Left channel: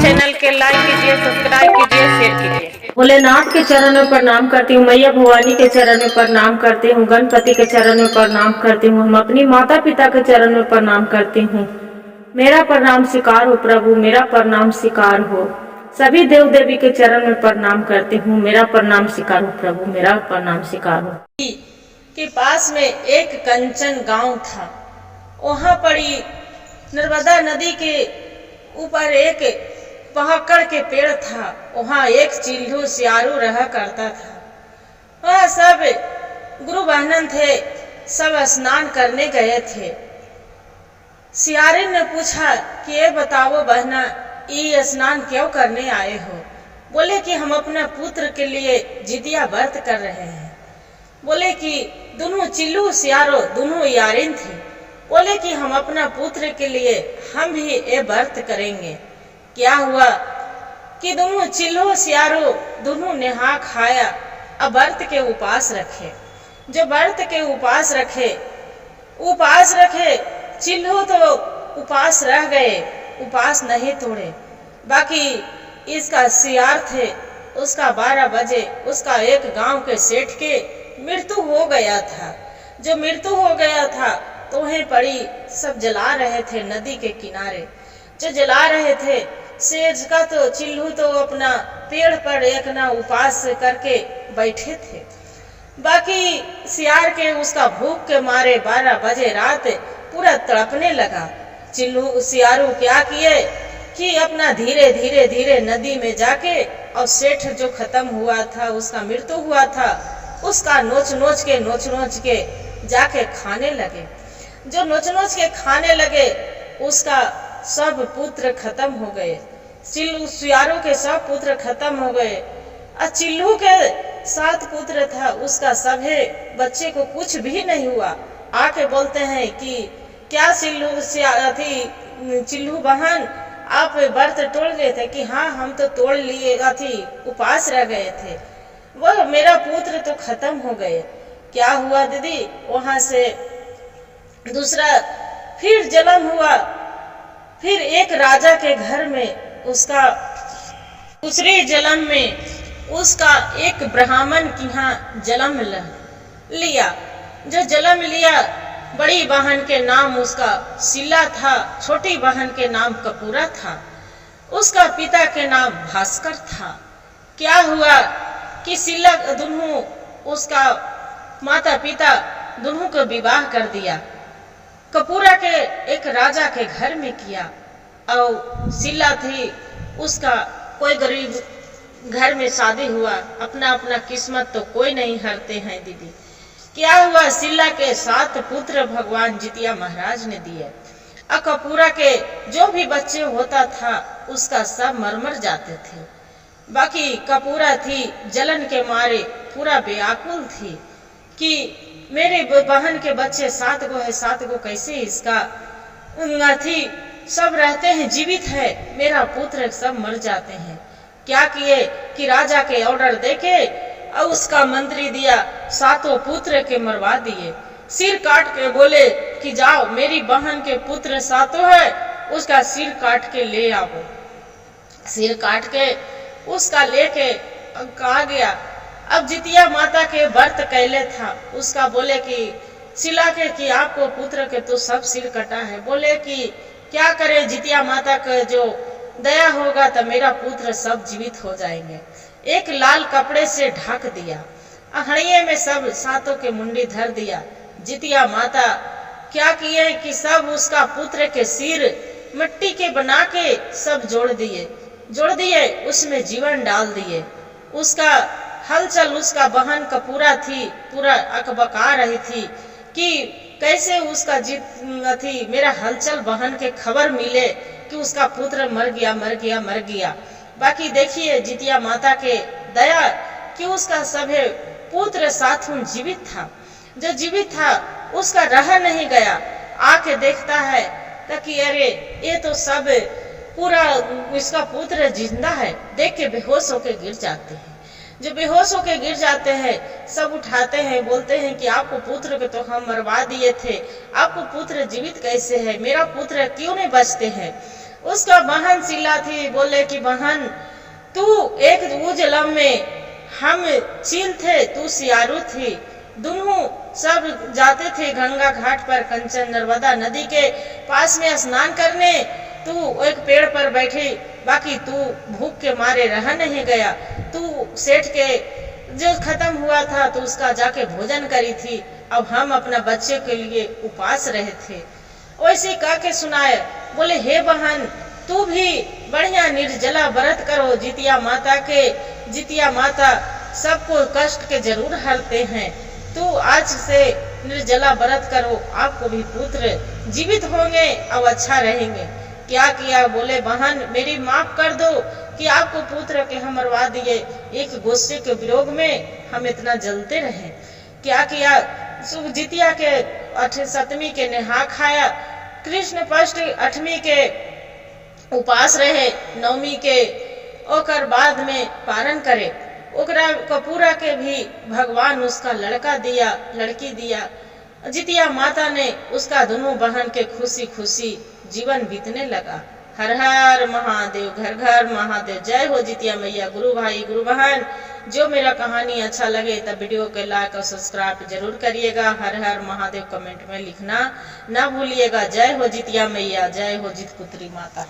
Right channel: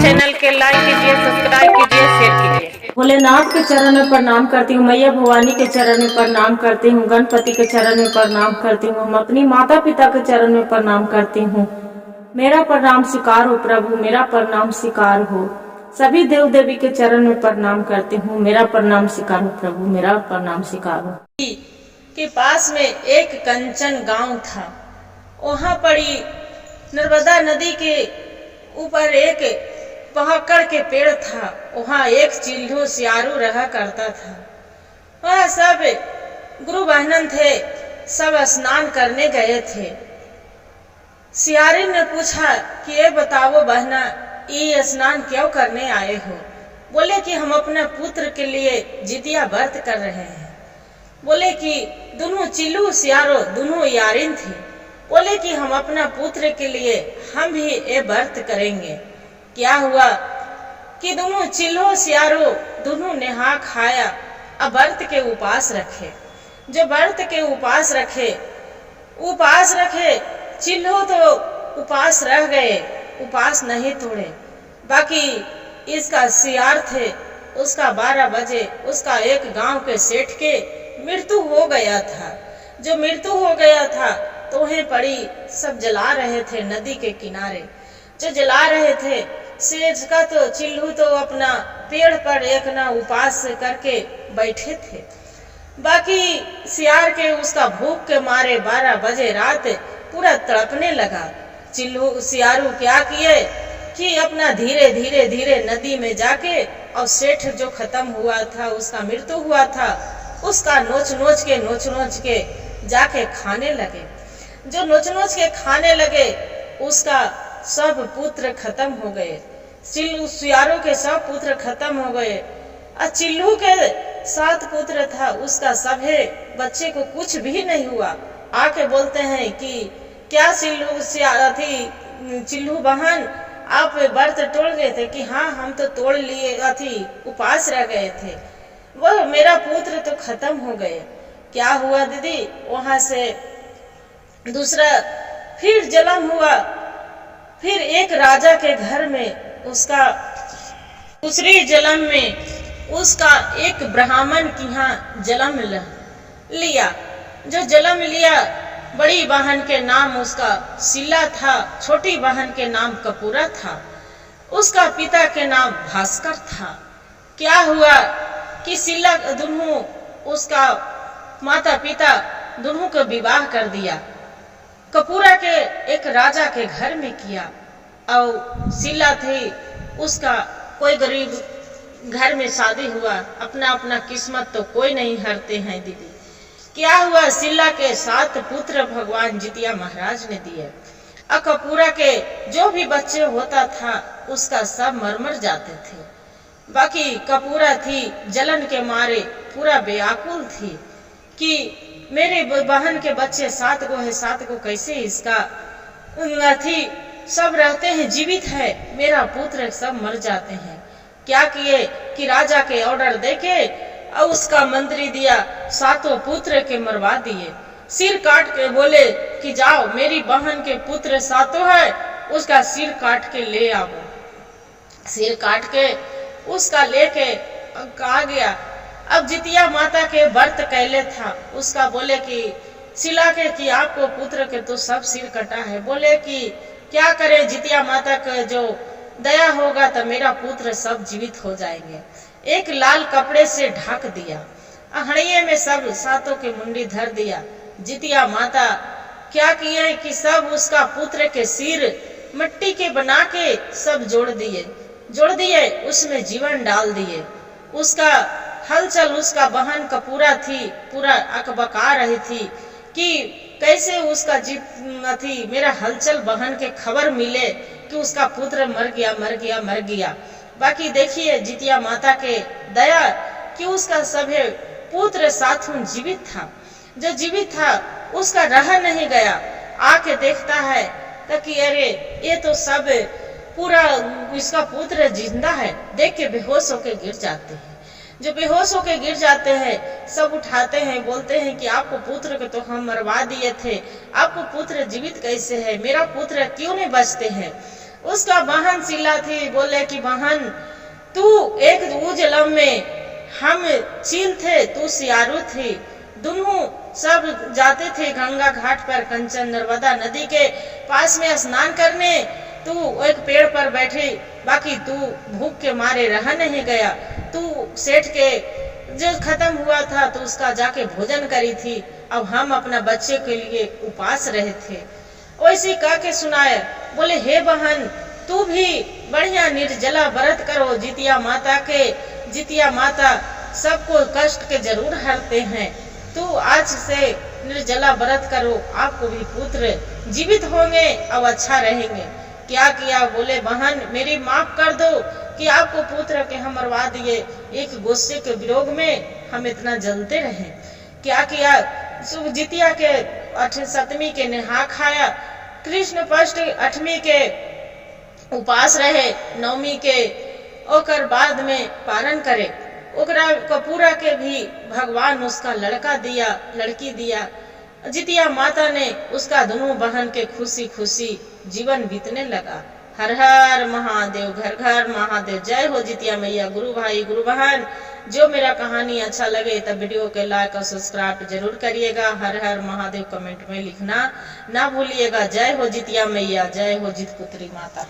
Channel के like कीजिए, subscribe कीजिए, शेयर कीजिए। भोलेनाथ के चरण में प्रणाम करती हूँ, मैया भवानी के चरण में प्रणाम करती हूँ, गणपति के चरण में प्रणाम करती हूँ, हम अपनी माता पिता के चरण में प्रणाम करती हूँ। मेरा प्रणाम स्वीकार हो प्रभु, मेरा प्रणाम स्वीकार हो। सभी देव देवी के चरण में प्रणाम करती हूँ, मेरा प्रणाम स्वीकार हो प्रभु, मेरा प्रणाम स्वीकार हो। के पास में एक कंचन गांव था। वहां पड़ी नर्मदा नदी के ऊपर एक पहाकड़ के पेड़ था। वहां एक चिल्लू सियारू रहा करता था। वह सब गुरु बहनन थे, सब स्नान करने गए थे। सियारिन ने पूछा कि ये बताओ बहना, ये स्नान क्यों करने आए हो? बोले कि हम अपने पुत्र के लिए जितिया व्रत कर रहे हैं। बोले कि दोनों चिल्लू सियारो दोनों यारिन थे। बोले कि हम अपना पुत्र के लिए हम भी ये व्रत करेंगे। क्या हुआ कि दोनों चिल्लो सियारो दोनों नेहा खाया, अब व्रत के उपास रखे। जो व्रत के उपास रखे चिल्लो तो उपास रह गए, उपास नहीं तोड़े। बाकी इसका सियार थे, उसका 12 बजे उसका एक गांव के सेठ के मृत्यु हो गया था। जो मृत्यु हो गया था तो वहीं पड़ी सब जला रहे थे नदी के किनारे। जो जला रहे थे सेठ का तो चिल्लू तो अपना पेड़ पर एक ना उपास करके बैठे थे। बाकी सियार के उसका भूख के मारे 12 बजे रात पूरा तड़पने लगा। चिल्लू सियारू क्या किए कि अपना धीरे धीरे धीरे नदी में जाके और सेठ जो खत्म हुआ था, उसका मृत्यु हुआ था, उसका नोच नोच के जाके खाने लगे। जो नोच के खाने लगे उसका सब पुत्र खत्म हो गए। चिल्लू सियारों के सब पुत्र खत्म हो गए। और चिल्लू के 7 पुत्र था, उसका सभे बच्चे को कुछ भी नहीं हुआ। आके बोलते हैं कि क्या चिल्लू बहन आप व्रत तोड़ गए थे? कि हाँ, हम तो तोड़ लिए, उपास रह गए थे। वो मेरा पुत्र तो खत्म हो गए। क्या हुआ दीदी? वहां से दूसरा फिर जन्म हुआ। फिर एक राजा के घर में उसका दूसरी जन्म में उसका एक ब्राह्मण की यहाँ जन्म लिया। जो जन्म लिया, बड़ी बहन के नाम उसका सिला था, छोटी बहन के नाम कपूरा था, उसका पिता के नाम भास्कर था। क्या हुआ कि सिला दोनों उसका माता पिता दोनों को विवाह कर दिया। कपूरा के एक राजा के घर में किया और सिला थी उसका कोई गरीब घर में शादी हुआ। अपना अपना किस्मत तो कोई नहीं हरते हैं दीदी। क्या हुआ? सिला के 7 पुत्र भगवान जितिया महाराज ने दिए और कपूरा के जो भी बच्चे होता था उसका सब मर जाते थे। बाकी कपूरा थी जलन के मारे पूरा व्याकुल थी कि मेरे बहन के बच्चे 7 को है, 7 को कैसे इसका सब रहते हैं, जीवित है, मेरा पुत्र सब मर जाते हैं। क्या किए कि राजा के ऑर्डर देके और उसका मंत्री दिया, 7 पुत्र के मरवा दिए। सिर काट के बोले कि जाओ मेरी बहन के पुत्र 7 है, उसका सिर काट के ले आओ। सिर काट के उसका लेके कहा गया। अब जितिया माता के व्रत कैले था, उसका बोले कि सिला के कि आपको पुत्र के तो सब सिर कटा है। बोले कि क्या करे, जितिया माता का जो दया होगा तो मेरा पुत्र सब जीवित हो जाएंगे। एक लाल कपड़े से ढक दिया, हड़िये में सब 7 के मुंडी धर दिया। जितिया माता क्या किए कि सब उसका पुत्र के सिर मिट्टी के बना के सब जोड़ दिए, उसमें जीवन डाल दिए। उसका हलचल उसका बहन कपूरा थी पूरा अकबका रही थी कि कैसे उसका मेरा हलचल बहन के खबर मिले कि उसका पुत्र मर गया। बाकी देखिए जितिया माता के दया कि उसका सभे पुत्र 7 जीवित था। जो जीवित था उसका रह नहीं गया, आके देखता है ताकि अरे ये तो सब पूरा इसका पुत्र जिंदा है। देख के बेहोश होके गिर जाते हैं। जो बेहोश होकर गिर जाते हैं सब उठाते हैं, बोलते हैं कि आपको पुत्र को तो हम मरवा दिए थे, आपको पुत्र जीवित कैसे है, मेरा पुत्र क्यों नहीं बचते हैं। उसका बहन शीला थी, बोले कि बहन तू एक उजलम में, हम चील थे तू सियारू थी, दोनों सब जाते थे गंगा घाट पर कंचन नर्मदा नदी के पास में स्नान करने। तू एक पेड़ पर बैठी, बाकी तू भूख के मारे रह नहीं गया, तू सेठ के जो खत्म हुआ था तो उसका जाके भोजन करी थी, अब हम अपना बच्चे के लिए उपास रहे थे। वैसे कह के सुनाए, बोले हे बहन तू भी बढ़िया निर्जला व्रत करो, जितिया माता सबको कष्ट के जरूर हरते हैं, तू आज से निर्जला व्रत करो, आपको भी पुत्र जीवित होंगे, अब अच्छा रहेंगे। क्या किया, बोले बहन मेरी माफ कर दो कि आपको पुत्र के हम मरवा दिए, एक गुस्से के विरोध में हम इतना जलते रहे। क्या किया, जितिया के 7वीं के नेहा खाया, कृष्ण पक्ष 8वीं के उपास रहे, 9वीं के ओकर बाद में पारण करे, ओकरा कपूरा के भी भगवान उसका लड़की दिया। जितिया माता ने उसका दोनों बहन के खुशी खुशी जीवन बीतने लगा। हर हर महादेव, घर घर महादेव। जय हो जितिया मैया। गुरु भाई गुरु बहन, जो मेरा कहानी अच्छा लगे तब वीडियो के लाइक और सब्सक्राइब जरूर करिएगा। हर हर महादेव कमेंट में लिखना ना भूलिएगा। जय हो जितिया मैया, जय हो जितपुत्री माता।